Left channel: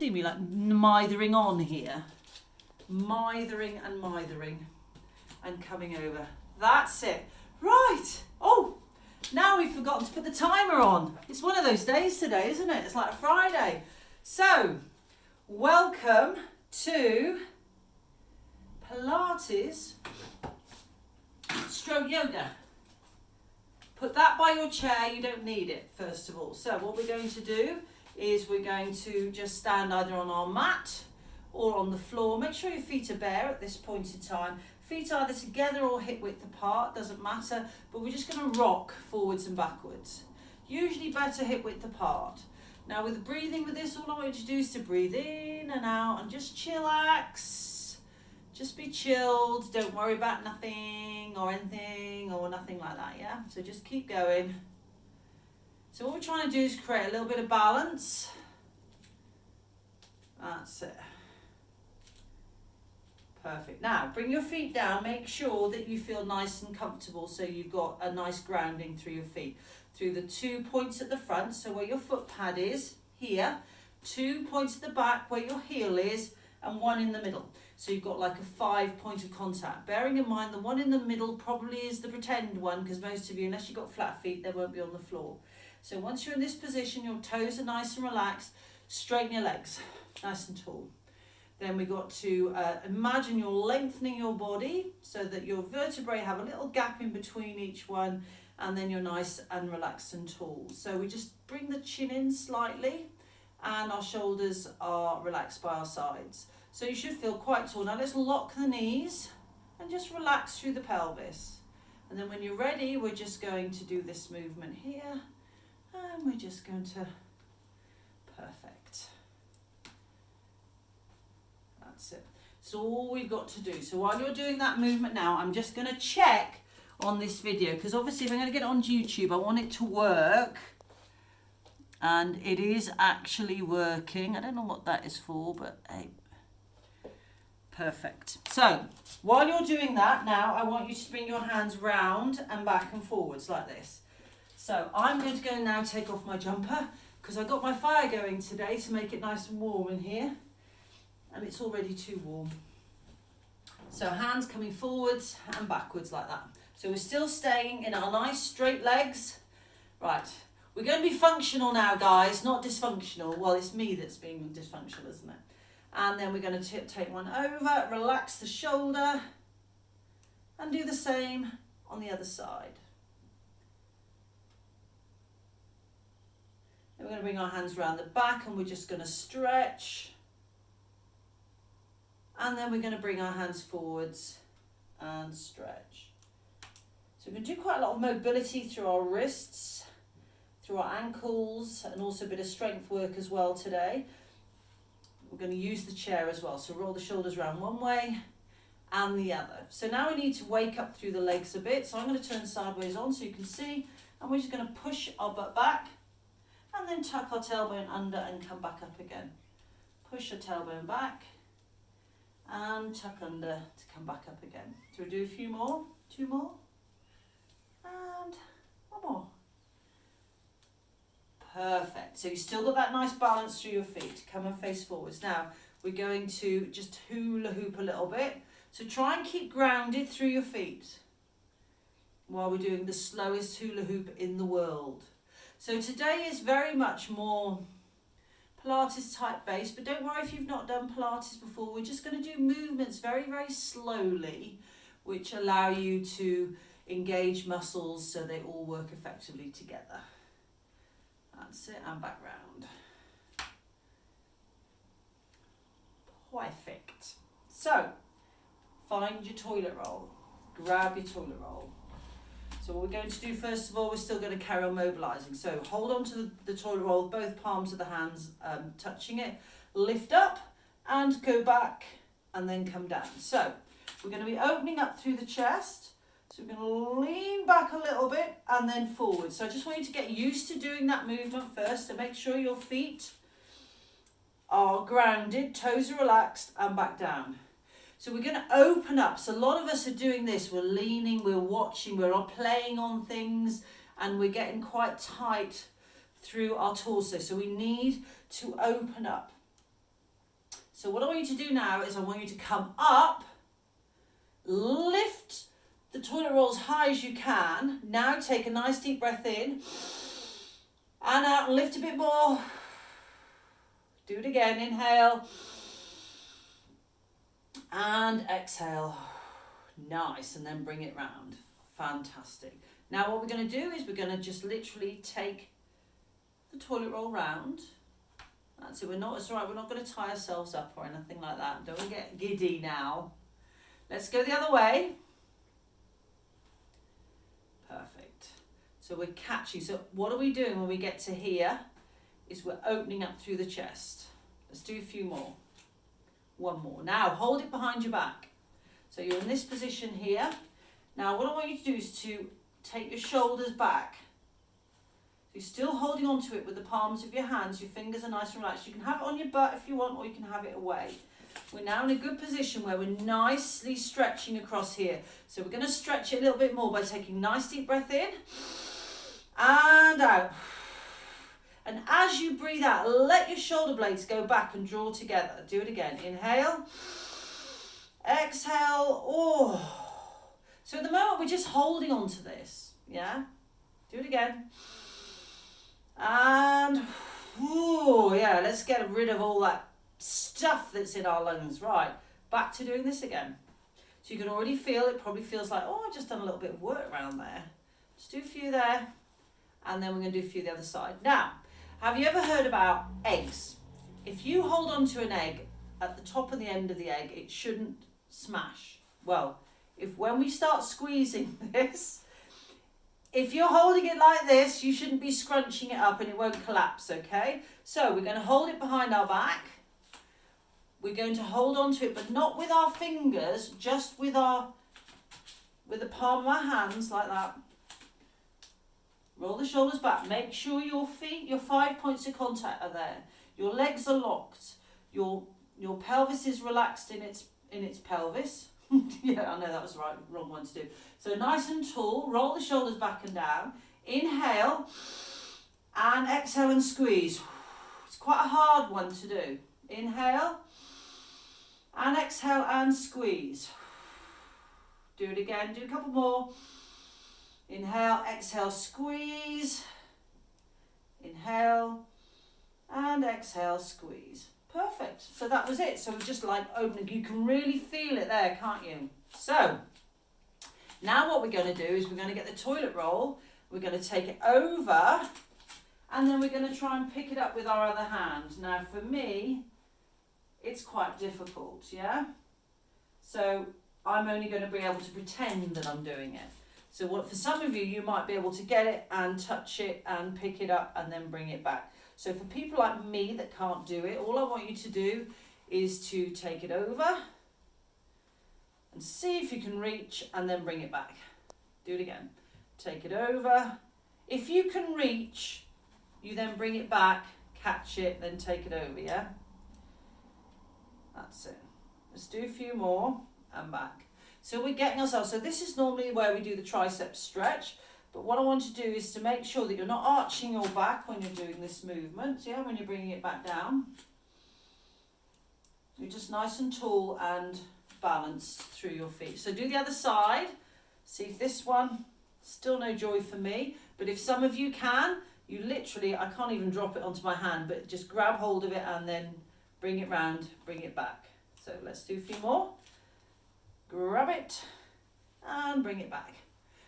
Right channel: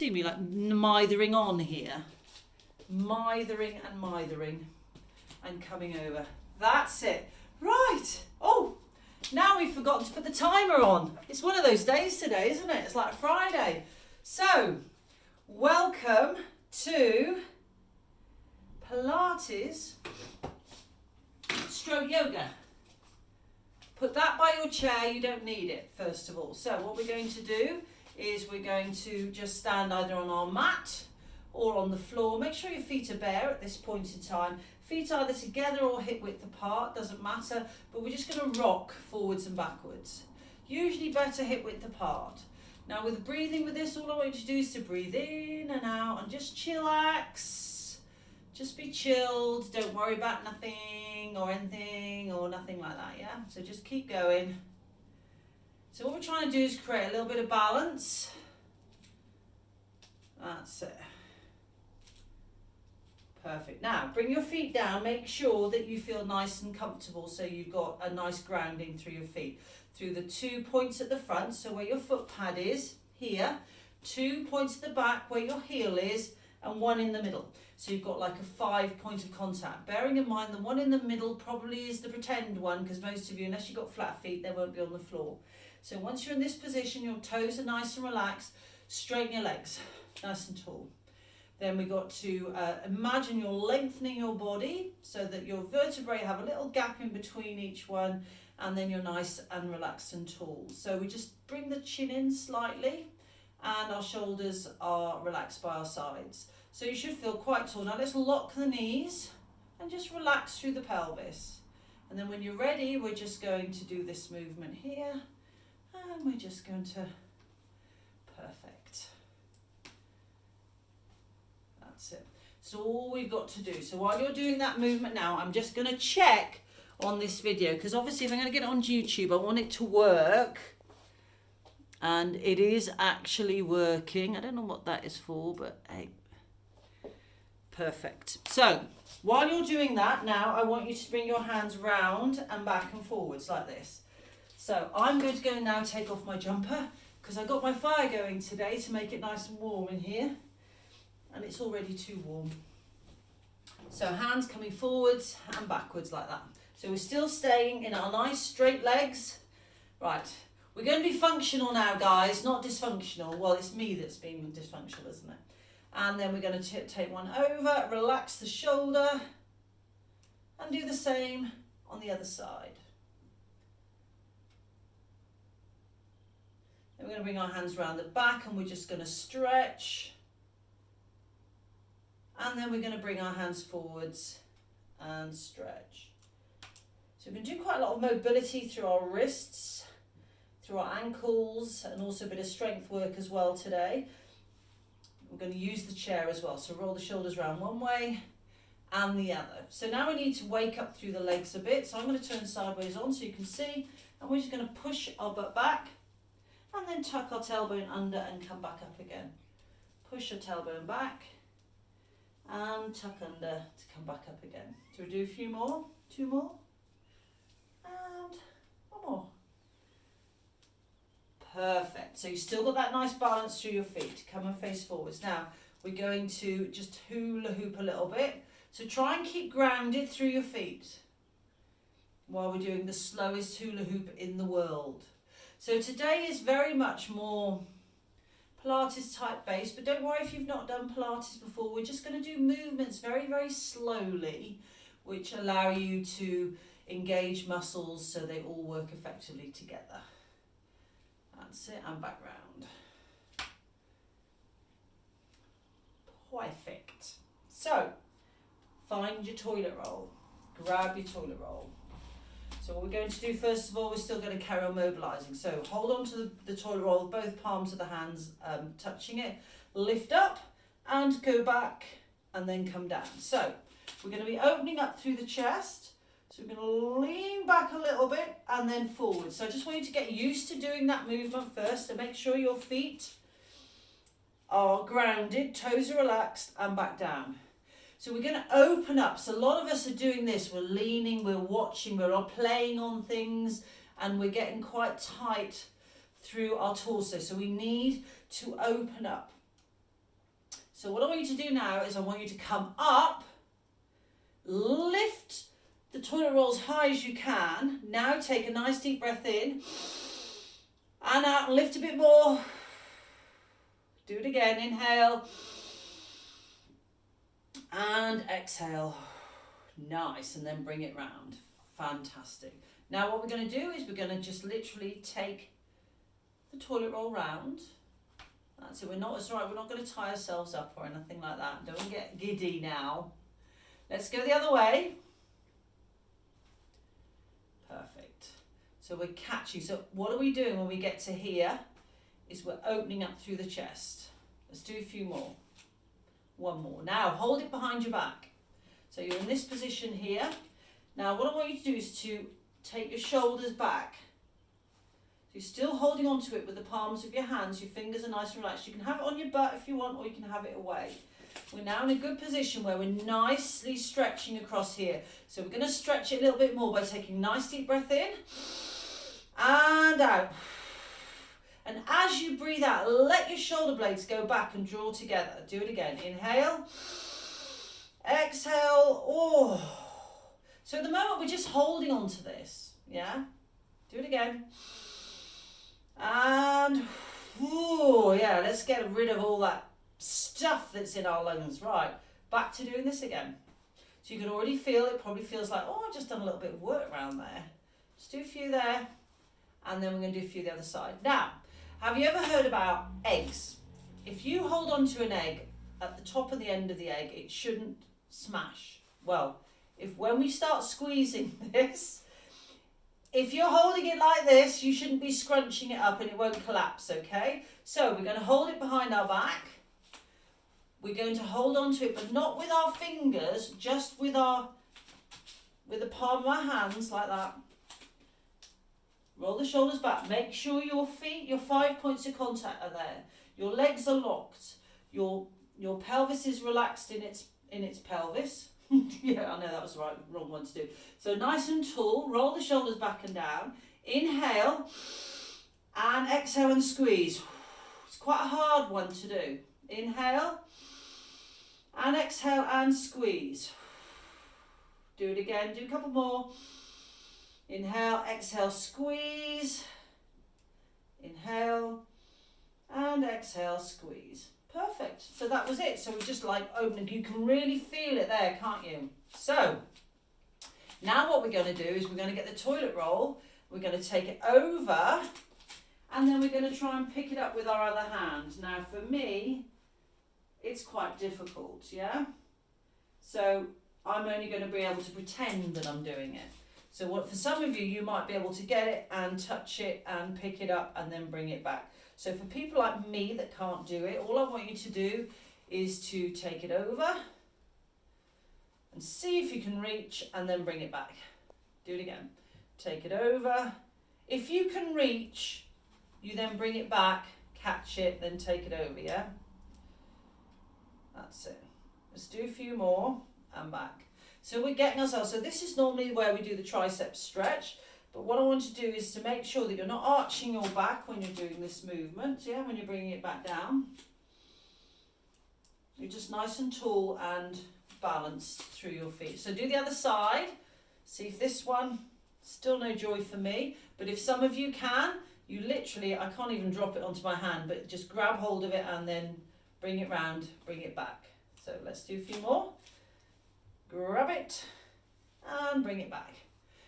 See me like mithering on here. Mithering and coming over. That's it. Right. Oh, now we've forgotten to put the timer on. It's one of those days today, isn't it? It's like Friday. So, welcome to Pilates stroke yoga. Put that by your chair, you don't need it, first of all. So what we're going to do is we're going to just stand either on our mat or on the floor. Make sure your feet are bare at this point in time. Feet either together or hip width apart, doesn't matter, but we're just going to rock forwards and backwards. Usually better hip width apart. Now with breathing with this, all I want you to do is to breathe in and out and just chillax. Just be chilled, don't worry about nothing or anything or nothing like that, yeah? So just keep going. So what we're trying to do is create a little bit of balance. That's it. Perfect. Now, bring your feet down. Make sure that you feel nice and comfortable so you've got a nice grounding through your feet. Through the 2 points at the front, so where your foot pad is, here. 2 points at the back where your heel is, and 1 in the middle. So you've got like a 5 point of contact. Bearing in mind the one in the middle probably is the pretend one, because most of you, unless you've got flat feet, they won't be on the floor. So once you're in this position, your toes are nice and relaxed, straighten your legs, nice and tall. Then we got to imagine you're lengthening your body so that your vertebrae have a little gap in between each one, and then you're nice and relaxed and tall. So we just bring the chin in slightly and our shoulders are relaxed by our sides. So you should feel quite tall. Now let's lock the knees and just relax through the pelvis. And then when you're ready, we're just going to do this movement here. And we're just going to, perfect. That's it. So all we've got to do. So while you're doing that movement now, I'm just going to check on this video, because obviously if I'm going to get it on YouTube, I want it to work. And it is actually working. I don't know what that is for, but hey. Perfect. So while you're doing that now, I want you to bring your hands round and back and forwards like this. So I'm going to go now take off my jumper, because I've got my fire going today to make it nice and warm in here, and it's already too warm. So hands coming forwards and backwards like that. So we're still staying in our nice straight legs. Right, we're going to be functional now, guys, not dysfunctional. Well, it's me that's being dysfunctional, isn't it? And then we're going to take one over, relax the shoulder, and do the same on the other side. Then we're going to bring our hands around the back and we're just going to stretch. And then we're going to bring our hands forwards and stretch. So we're going to do quite a lot of mobility through our wrists, through our ankles, and also a bit of strength work as well today. We're going to use the chair as well. So roll the shoulders around one way and the other. So now we need to wake up through the legs a bit. So I'm going to turn sideways on so you can see. And we're just going to push our butt back and then tuck our tailbone under and come back up again. Push your tailbone back and tuck under to come back up again. So we do a few more, 2 more, and 1 more. Perfect. So you've still got that nice balance through your feet. Come and face forwards. Now we're going to just hula hoop a little bit. So try and keep grounded through your feet while we're doing the slowest hula hoop in the world. So today is very much more Pilates type based, but don't worry if you've not done Pilates before. We're just going to do movements very, very slowly, which allow you to engage muscles so they all work effectively together. That's it, and back round. Perfect. So, find your toilet roll. Grab your toilet roll. So what we're going to do first of all, we're still going to carry on mobilising. So hold on to the toilet roll, both palms of the hands touching it. Lift up and go back and then come down. So we're going to be opening up through the chest. So we're going to lean back a little bit and then forward. So I just want you to get used to doing that movement first. So make sure your feet are grounded, toes are relaxed, and back down. So we're going to open up. So a lot of us are doing this. We're leaning, we're watching, we're playing on things, and we're getting quite tight through our torso. So we need to open up. So what I want you to do now is I want you to come up, lift the toilet roll as high as you can. Now take a nice deep breath in and out and lift a bit more. Do it again, inhale and exhale. Nice, and then bring it round. Fantastic. Now what we're going to do is we're going to just literally take the toilet roll round. That's it. It's all right, we're not going to tie ourselves up or anything like that. Don't get giddy now. Let's go the other way. Perfect. So we're catching. So what are we doing when we get to here is we're opening up through the chest. Let's do a few more. One more. Now hold it behind your back. So you're in this position here. Now what I want you to do is to take your shoulders back. So you're still holding on to it with the palms of your hands. Your fingers are nice and relaxed. You can have it on your butt if you want, or you can have it away. We're now in a good position where we're nicely stretching across here. So we're going to stretch it a little bit more by taking a nice deep breath in and out. And as you breathe out, let your shoulder blades go back and draw together. Do it again. Inhale. Exhale. Oh. So at the moment, we're just holding on to this. Yeah? Do it again. And, oh, yeah, let's get rid of all that stuff that's in our lungs. Right, back to doing this again. So you can already feel it. Probably feels like, oh, I've just done a little bit of work around there. Just do a few there, and then we're going to do a few the other side. Now, have you ever heard about eggs? If you hold on to an egg at the top and the end of the egg, it shouldn't smash. Well, when we start squeezing this, if you're holding it like this, you shouldn't be scrunching it up and it won't collapse, okay? So we're going to hold it behind our back. We're going to hold on to it, but not with our fingers, just with the palm of our hands, like that. Roll the shoulders back. Make sure your feet, your 5 points of contact are there. Your legs are locked. Your pelvis is relaxed in its pelvis. Yeah, I know that was the wrong one to do. So nice and tall. Roll the shoulders back and down. Inhale and exhale and squeeze. It's quite a hard one to do. Inhale and exhale and squeeze. Do it again. Do a couple more. Inhale, exhale, squeeze. Inhale and exhale, squeeze. Perfect. So that was it. So we're just like opening. You can really feel it there, can't you? So now what we're going to do is we're going to get the toilet roll. We're going to take it over, and then we're going to try and pick it up with our other hand. Now for me, it's quite difficult, yeah? So I'm only going to be able to pretend that I'm doing it. So for some of you, you might be able to get it and touch it and pick it up and then bring it back. So for people like me that can't do it, all I want you to do is to take it over and see if you can reach and then bring it back. Do it again. Take it over. If you can reach, you then bring it back, catch it, then take it over, yeah? That's it. Let's do a few more and back. So we're getting ourselves, so this is normally where we do the triceps stretch. But what I want to do is to make sure that you're not arching your back when you're doing this movement, yeah, when you're bringing it back down. You're just nice and tall and balanced through your feet. So do the other side. See if this one, still no joy for me. But if some of you can, you literally, I can't even drop it onto my hand, but just grab hold of it and then bring it round, bring it back. So let's do a few more. Grab it and bring it back.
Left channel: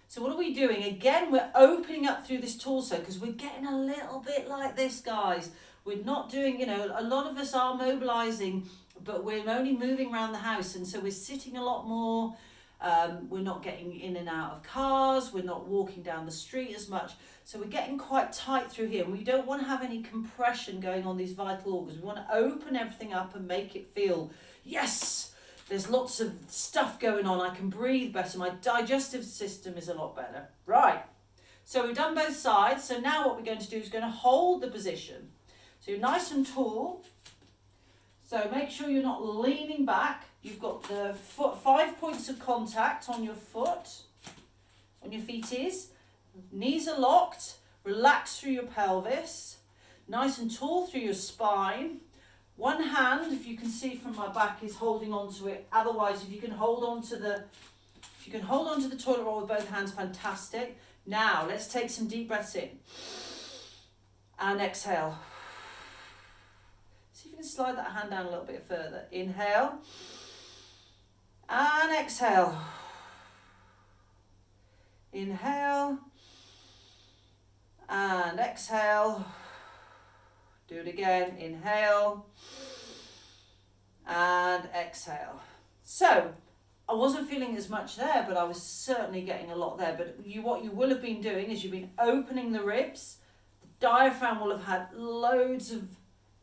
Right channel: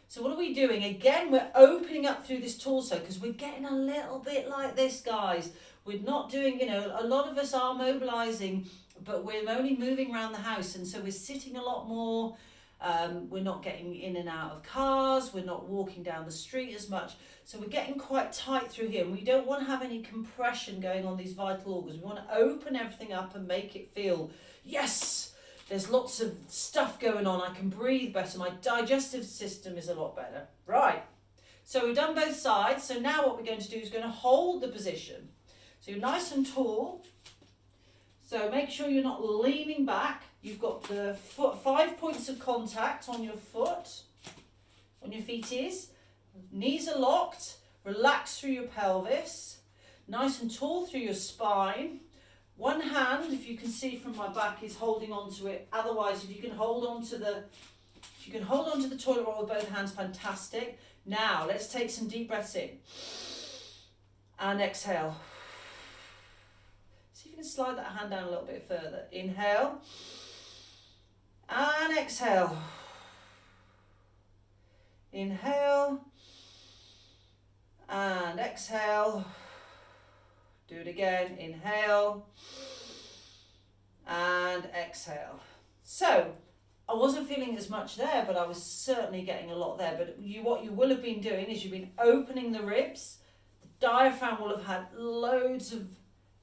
So what are we doing? Again, we're opening up through this torso because we're getting a little bit like this, guys. We're not doing, a lot of us are mobilizing, but we're only moving around the house. And so we're sitting a lot more. We're not getting in and out of cars. We're not walking down the street as much. So we're getting quite tight through here. And we don't want to have any compression going on these vital organs. We want to open everything up and make it feel, yes, there's lots of stuff going on. I can breathe better. My digestive system is a lot better. Right. So we've done both sides. So now what we're going to do is going to hold the position. So you're nice and tall. So make sure you're not leaning back. You've got the 5 points of contact on your foot, on your feet is. Knees are locked. Relax through your pelvis. Nice and tall through your spine. One hand, if you can see from my back, is holding on to it. Otherwise, if you can hold on to the toilet roll with both hands, fantastic. Now, let's take some deep breaths in. And exhale. See if you can slide that hand down a little bit further. Inhale. And exhale. Inhale. And exhale. Do it again. Inhale. And exhale. So, I wasn't feeling as much there, but I was certainly getting a lot there. But what you will have been doing is you've been opening the ribs. The diaphragm will have had loads of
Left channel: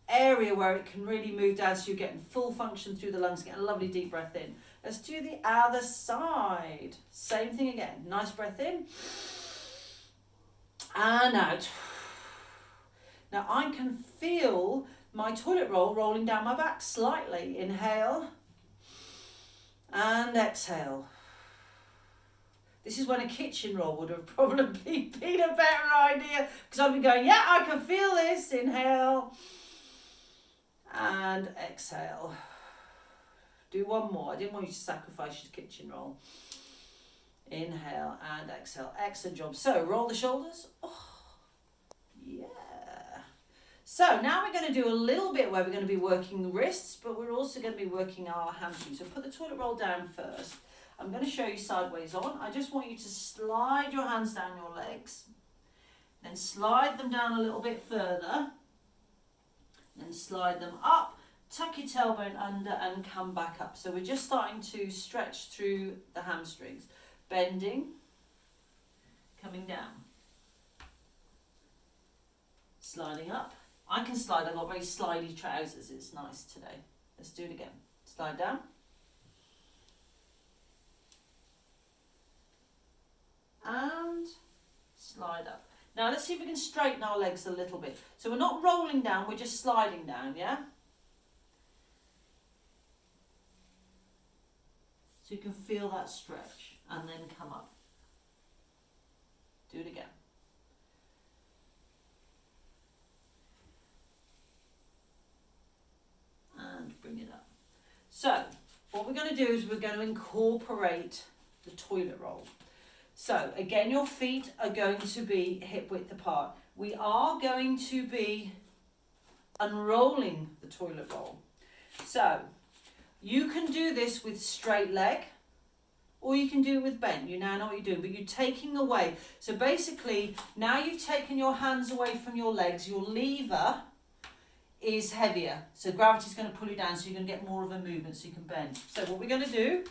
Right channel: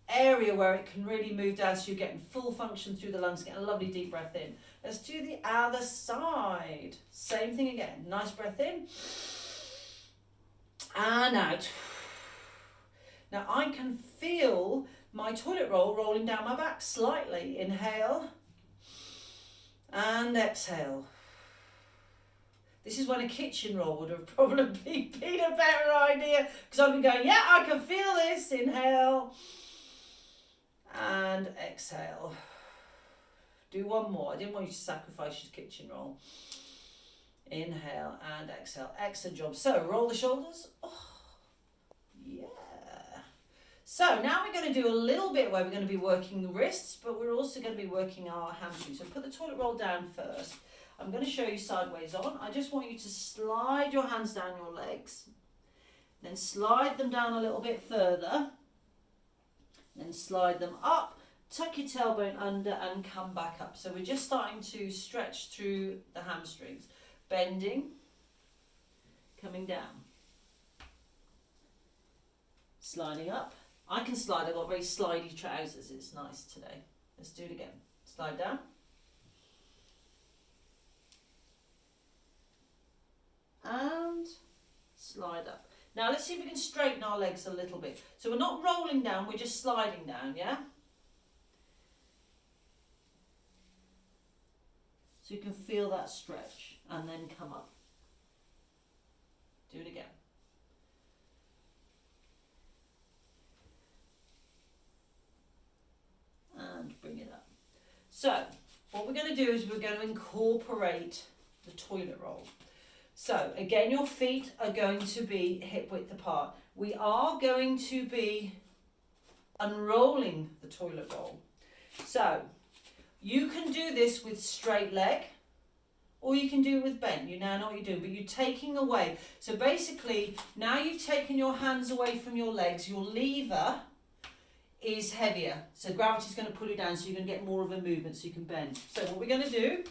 area where it can really move down, so you're getting full function through the lungs, getting a lovely deep breath in. Let's do the other side. Same thing again. Nice breath in. And out. Now I can feel my toilet roll rolling down my back slightly. Inhale. And exhale. This is when a kitchen roll would have probably been a better idea, because I've been going, yeah, I can feel this. Inhale. And exhale. Do one more. I didn't want you to sacrifice your kitchen roll. Inhale and exhale. Excellent job. So roll the shoulders. Oh, yeah. So now we're going to do a little bit where we're going to be working the wrists, but we're also going to be working our hamstrings. So put the toilet roll down first. I'm going to show you sideways on. I just want you to slide your hands down your legs. Then slide them down a little bit further. Then slide them up. Tuck your tailbone under and come back up. So we're just starting to stretch through the hamstrings. Bending. Coming down. Sliding up. I can slide. I've got very slidey trousers. It's nice today. Let's do it again. Slide down. And slide up. Now let's see if we can straighten our legs a little bit. So we're not rolling down, we're just sliding down, yeah? So you can feel that stretch and then come up. Do it again. And bring it up. So what we're going to do is we're going to incorporate the toilet roll. So again, your feet are going to be hip width apart. We are going to be unrolling the toilet roll. So you can do this with straight leg, or you can do it with bent. You now know what you're doing, but you're taking away. So basically, now you've taken your hands away from your legs, your lever is heavier. So gravity's going to pull you down, so you're going to get more of a movement, so you can bend. So what we're going to do,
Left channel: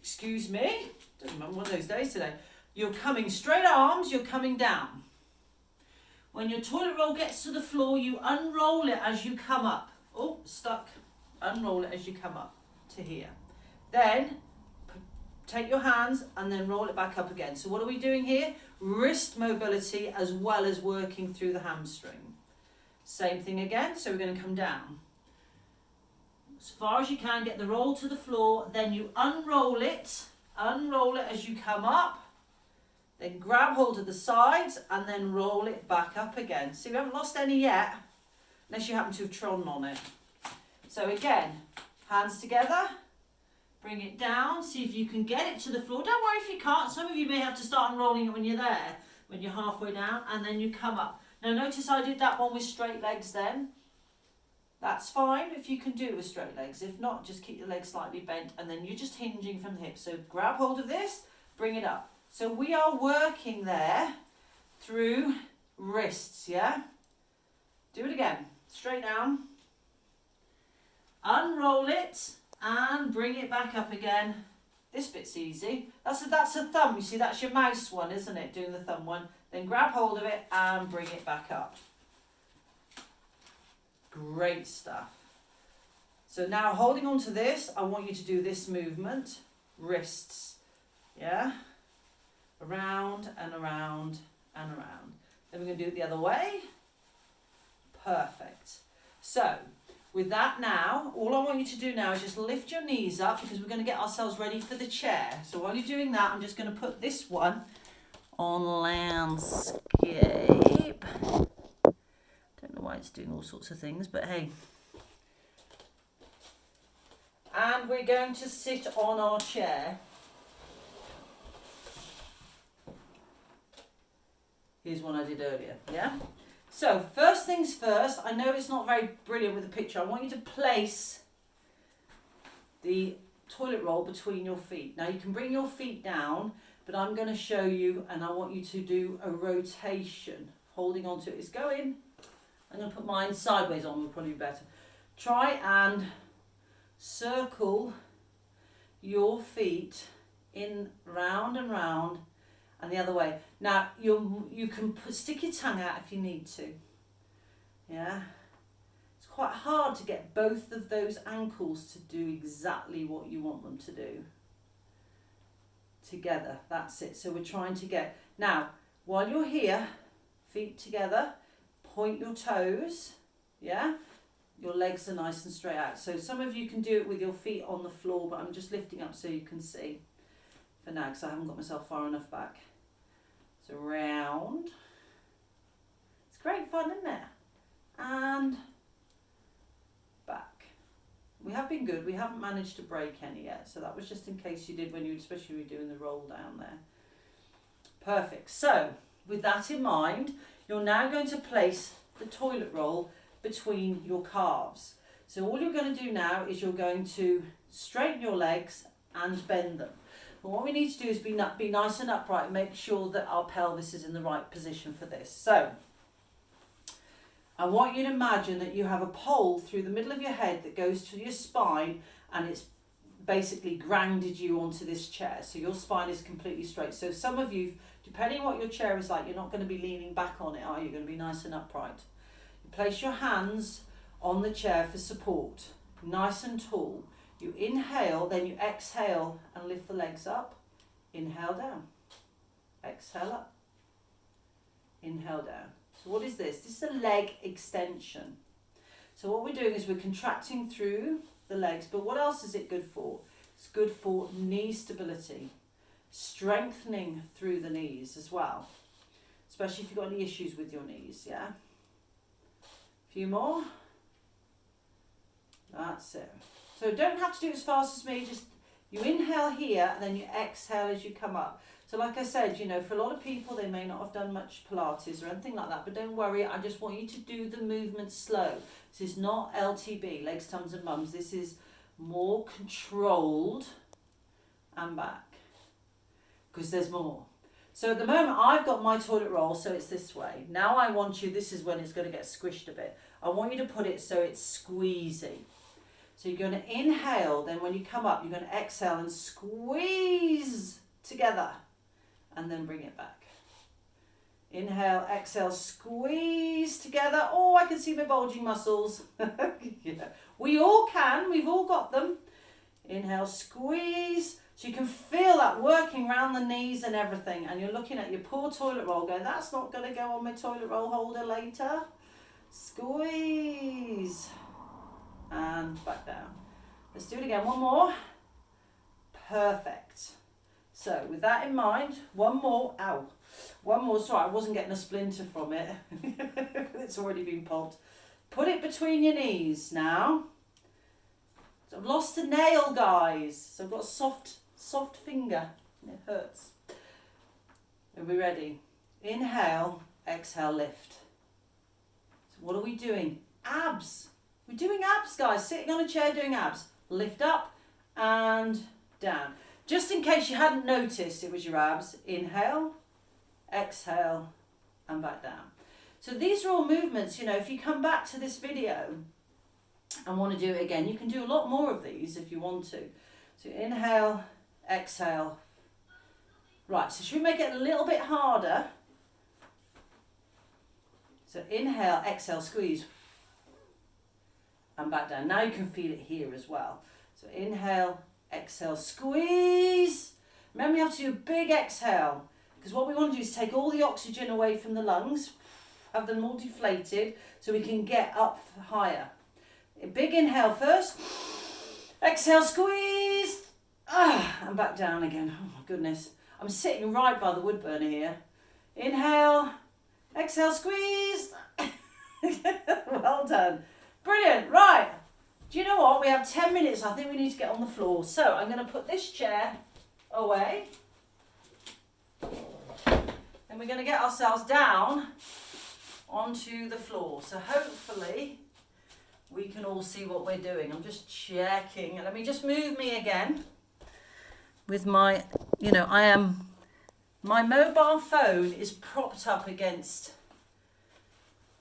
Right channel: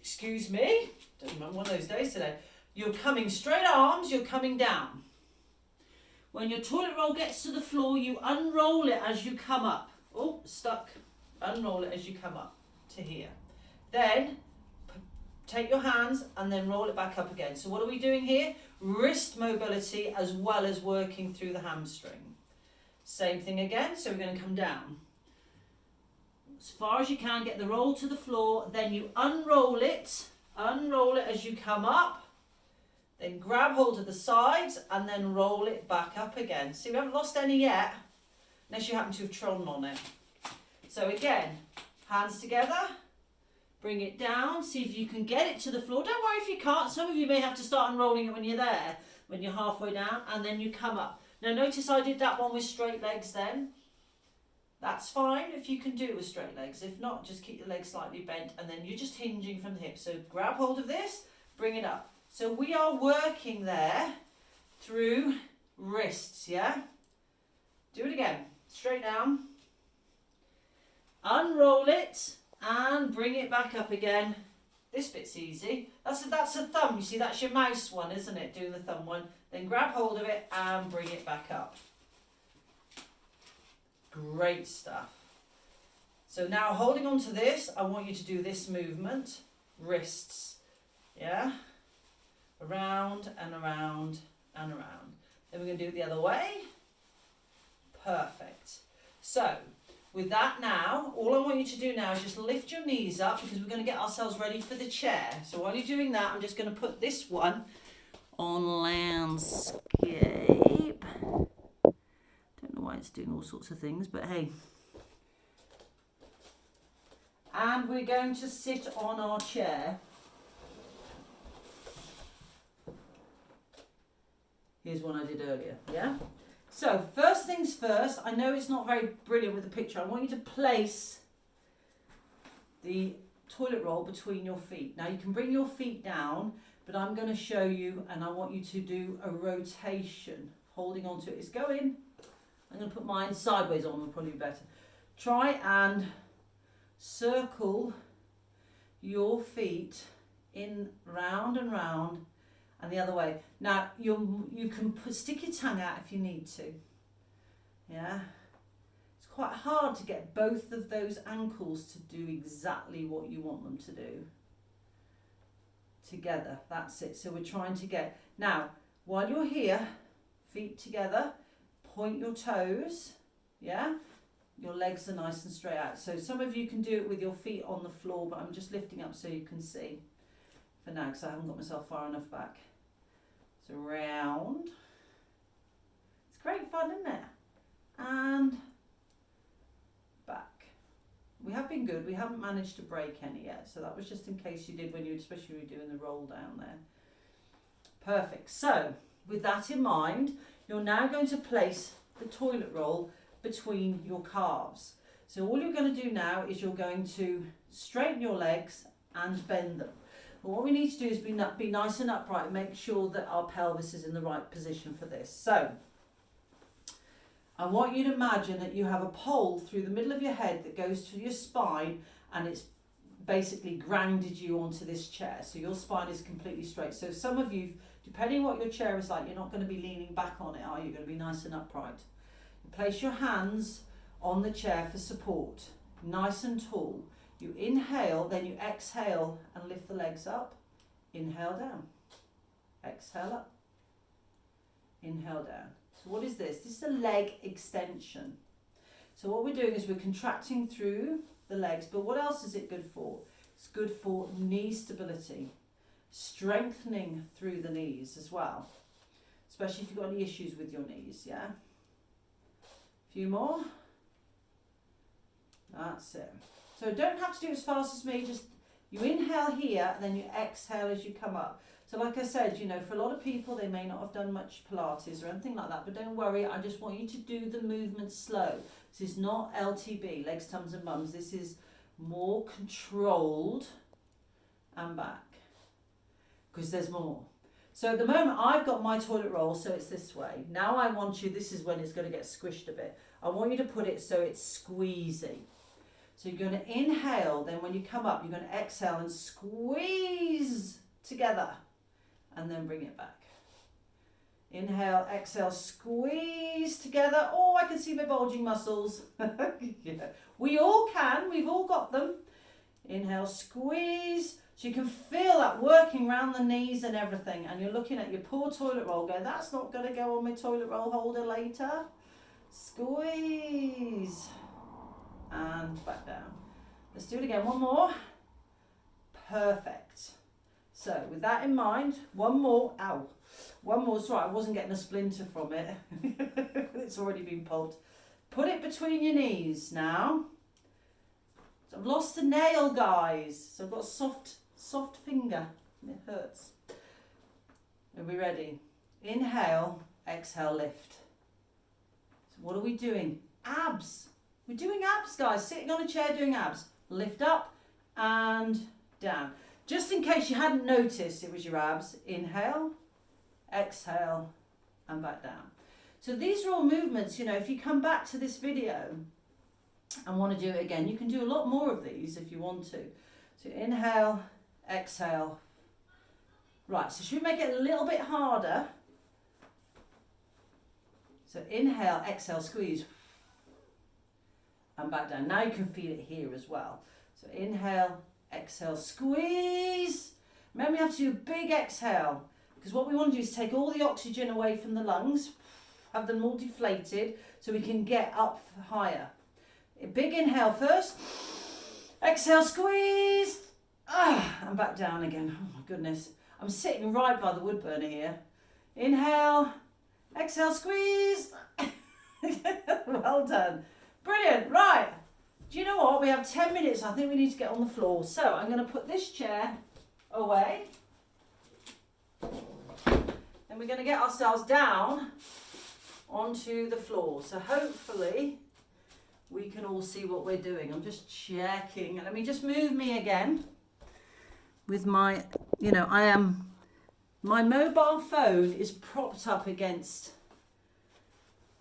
excuse me, doesn't remember one of those days today. You're coming straight arms, you're coming down. When your toilet roll gets to the floor, you unroll it as you come up. Oh, stuck. Unroll it as you come up to here. Then take your hands and then roll it back up again. So what are we doing here? Wrist mobility as well as working through the hamstring. Same thing again. So we're going to come down. As far as you can, get the roll to the floor. Then you unroll it. Unroll it as you come up, then grab hold of the sides and then roll it back up again. So you haven't lost any yet, unless you happen to have trodden on it. So again, hands together, bring it down, see if you can get it to the floor. Don't worry if you can't. Some of you may have to start unrolling it when you're there, when you're halfway down, and then you come up. Now notice I did that one with straight legs then. That's fine if you can do it with straight legs. If not, just keep your legs slightly bent and then you're just hinging from the hips. So grab hold of this, bring it up. So we are working there through wrists, yeah? Do it again. Straight down. Unroll it and bring it back up again. This bit's easy. That's a thumb. You see, that's your mouse one, isn't it? Doing the thumb one. Then grab hold of it and bring it back up. Great stuff. So now holding on to this, I want you to do this movement. Wrists. Yeah? Around and around and around. Then we're going to do it the other way. Perfect. So with that now, all I want you to do now is just lift your knees up, because we're going to get ourselves ready for the chair. So while you're doing that, I'm just going to put this one on landscape. Don't know why it's doing all sorts of things, but hey, And we're going to sit on our chair. Here's one I did earlier, yeah? So first things first, I know it's not very brilliant with the picture. I want you to place the toilet roll between your feet. Now you can bring your feet down, but I'm going to show you, and I want you to do a rotation, holding on to it. It's going. I'm going to put mine sideways on, will probably be better. Try and circle your feet in round and round and the other way. Now you can stick your tongue out if you need to. Yeah, it's quite hard to get both of those ankles to do exactly what you want them to do together. That's it. So we're trying to get, now while you're here, feet together, point your toes. Yeah, your legs are nice and straight out. So some of you can do it with your feet on the floor, but I'm just lifting up so you can see for now, because I haven't got myself far enough back. So round. It's great fun, isn't it? And back. We have been good. We haven't managed to break any yet. So that was just in case you did when you, especially when you were doing the roll down there. Perfect. So with that in mind, you're now going to place the toilet roll between your calves. So all you're going to do now is you're going to straighten your legs and bend them. But what we need to do is be nice and upright and make sure that our pelvis is in the right position for this. So I want you to imagine that you have a pole through the middle of your head that goes to your spine, and it's basically grounded you onto this chair. So your spine is completely straight. So some of you, depending what your chair is like, you're not going to be leaning back on it, are you? You're going to be nice and upright. You place your hands on the chair for support, nice and tall. You inhale, then you exhale and lift the legs up. Inhale down. Exhale up. Inhale down. So what is this? This is a leg extension. So what we're doing is we're contracting through the legs, but what else is it good for? It's good for knee stability, strengthening through the knees as well, especially if you've got any issues with your knees, yeah? A few more. That's it. So don't have to do it as fast as me, just you inhale here and then you exhale as you come up. So like I said, you know, for a lot of people, they may not have done much Pilates or anything like that, but don't worry, I just want you to do the movement slow. This is not LTB, legs, tums and bums. This is more controlled and back, because there's more. So at the moment, I've got my toilet roll, so it's this way. Now I want you, this is when it's going to get squished a bit. I want you to put it so it's squeezy. So you're going to inhale, then when you come up, you're going to exhale and squeeze together, and then bring it back. Inhale, exhale, squeeze together. Oh, I can see my bulging muscles. Yeah. We all can, we've all got them. Inhale, squeeze. So you can feel that working around the knees and everything, and you're looking at your poor toilet roll going, that's not going to go on my toilet roll holder later. Squeeze. And back down. Let's do it again, one more. Perfect. So with that in mind, one more, one more, sorry, I wasn't getting a splinter from it. It's already been pulled. Put it between your knees now. So I've lost a nail, guys. So I've got a soft finger. It hurts. Are we ready? Inhale, exhale, lift. So what are we doing? Abs. We're doing abs, guys. Sitting on a chair doing abs. Lift up and down. Just in case you hadn't noticed it was your abs. Inhale, exhale, and back down. So these are all movements, you know, if you come back to this video and want to do it again, you can do a lot more of these if you want to. So inhale, exhale. Right, so should we make it a little bit harder? So inhale, exhale, squeeze. And back down. Now you can feel it here as well. So inhale, exhale, squeeze. Remember, you have to do a big exhale, because what we want to do is take all the oxygen away from the lungs, have them all deflated so we can get up higher. A big inhale first. Exhale, squeeze. And back down again. Oh my goodness. I'm sitting right by the wood burner here. Inhale, exhale, squeeze. Well done. Brilliant. Right. Do you know what? what, we have 10 minutes. I think we need to get on the floor. So I'm going to put this chair away. And we're going to get ourselves down onto the floor. So hopefully we can all see what we're doing. I'm just checking. Let me just move me again with my, my mobile phone is propped up against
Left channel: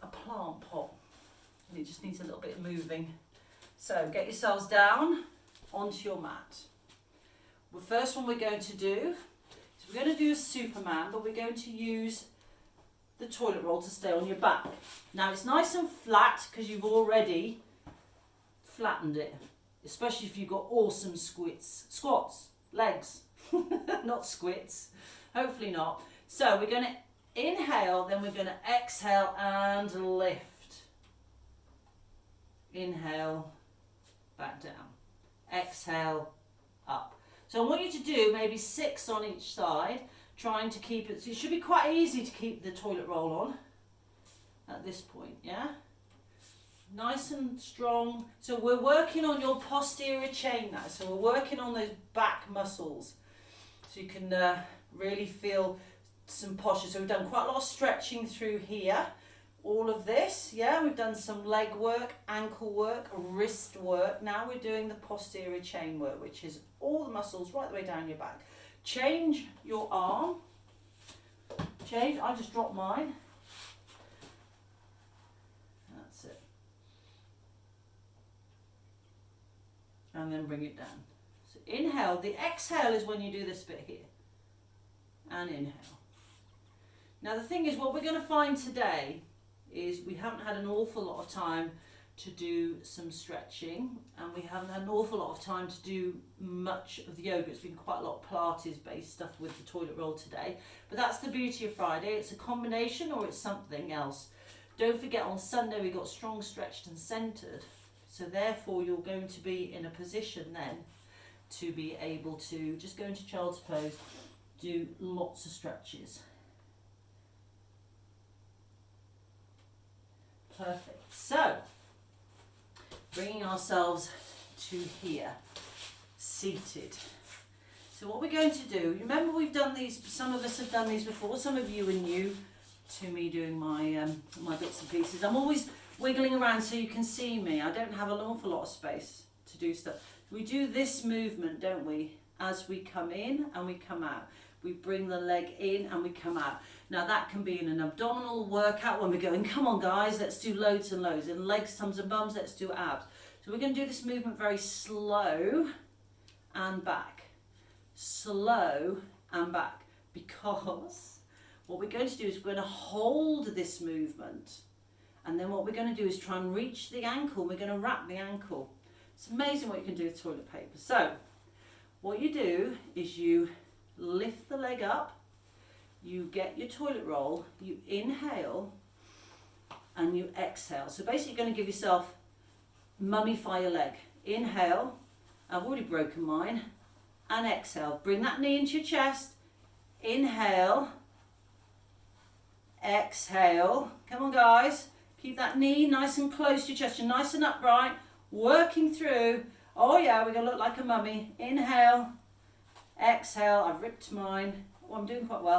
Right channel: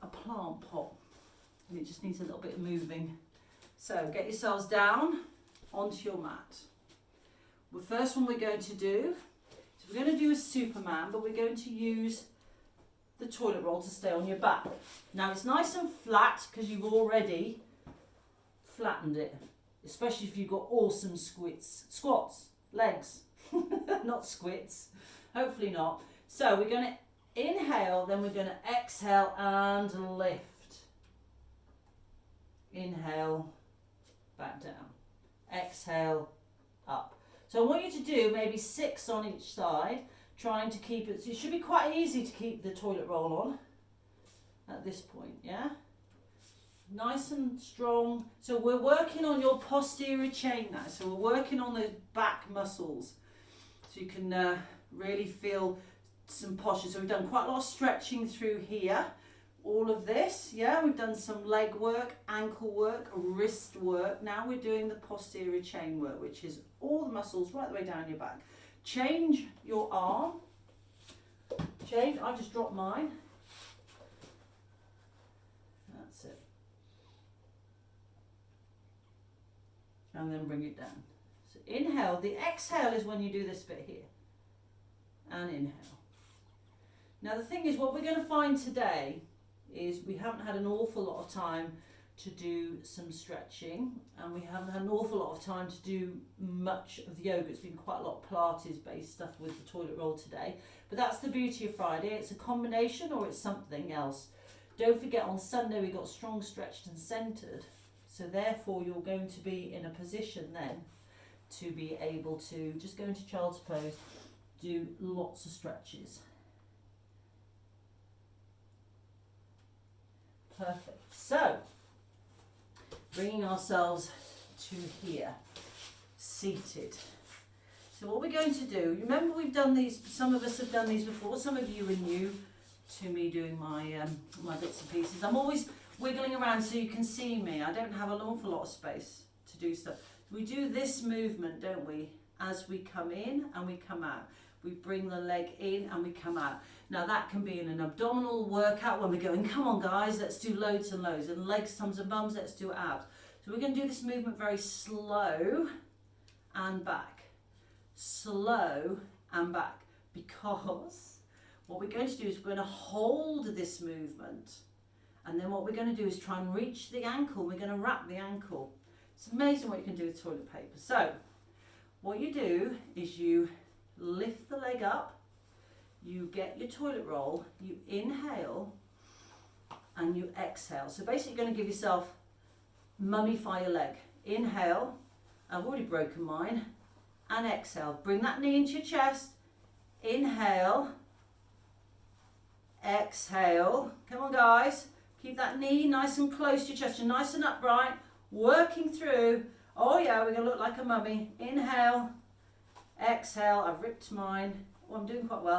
a plant pot and it just needs a little bit of moving. So get yourselves down onto your mat. The first one we're going to do is we're going to do a Superman, but we're going to use the toilet roll to stay on your back. Now it's nice and flat because you've already flattened it, especially if you've got awesome squats, legs, not squits, hopefully not. So we're going to inhale, then we're going to exhale and lift. Inhale, back down. Exhale, up. So I want you to do maybe 6 on each side, trying to keep it, so it should be quite easy to keep the toilet roll on at this point, yeah? Nice and strong. So we're working on your posterior chain now. So we're working on those back muscles. So you can really feel some posture. So we've done quite a lot of stretching through here. All of this, yeah? We've done some leg work, ankle work, wrist work. Now we're doing the posterior chain work, which is all the muscles right the way down your back. Change your arm. Change, I just dropped mine. That's it. And then bring it down. So inhale, the exhale is when you do this bit here. And inhale. Now the thing is, what we're going to find today is we haven't had an awful lot of time to do some stretching, and we haven't had an awful lot of time to do much of the yoga. It's been quite a lot of Pilates based stuff with the toilet roll today, but that's the beauty of Friday. It's a combination or it's something else. Don't forget, on Sunday we got strong, stretched and centered, so therefore you're going to be in a position then to be able to just go into child's pose, do lots of stretches. Perfect. So bringing ourselves to here, seated. So what we're going to do, remember we've done these, some of us have done these before, some of you are new to me doing my my bits and pieces. I'm always wiggling around so you can see me. I don't have an awful lot of space to do stuff. We do this movement, don't we, as we come in and we come out. We bring the leg in and we come out. Now that can be in an abdominal workout when we're going, come on guys, let's do loads and loads. And legs, tums and bums, let's do abs. So we're going to do this movement very slow and back. Slow and back. Because what we're going to do is we're going to hold this movement. And then what we're going to do is try and reach the ankle. We're going to wrap the ankle. It's amazing what you can do with toilet paper. So what you do is you lift the leg up. You get your toilet roll, you inhale and you exhale. So basically you're going to give yourself, mummify your leg. Inhale, I've already broken mine, and exhale. Bring that knee into your chest. Inhale, exhale. Come on guys, keep that knee nice and close to your chest. You're nice and upright, working through. Oh yeah, we're going to look like a mummy. Inhale, exhale. I've ripped mine. Oh, I'm doing quite well.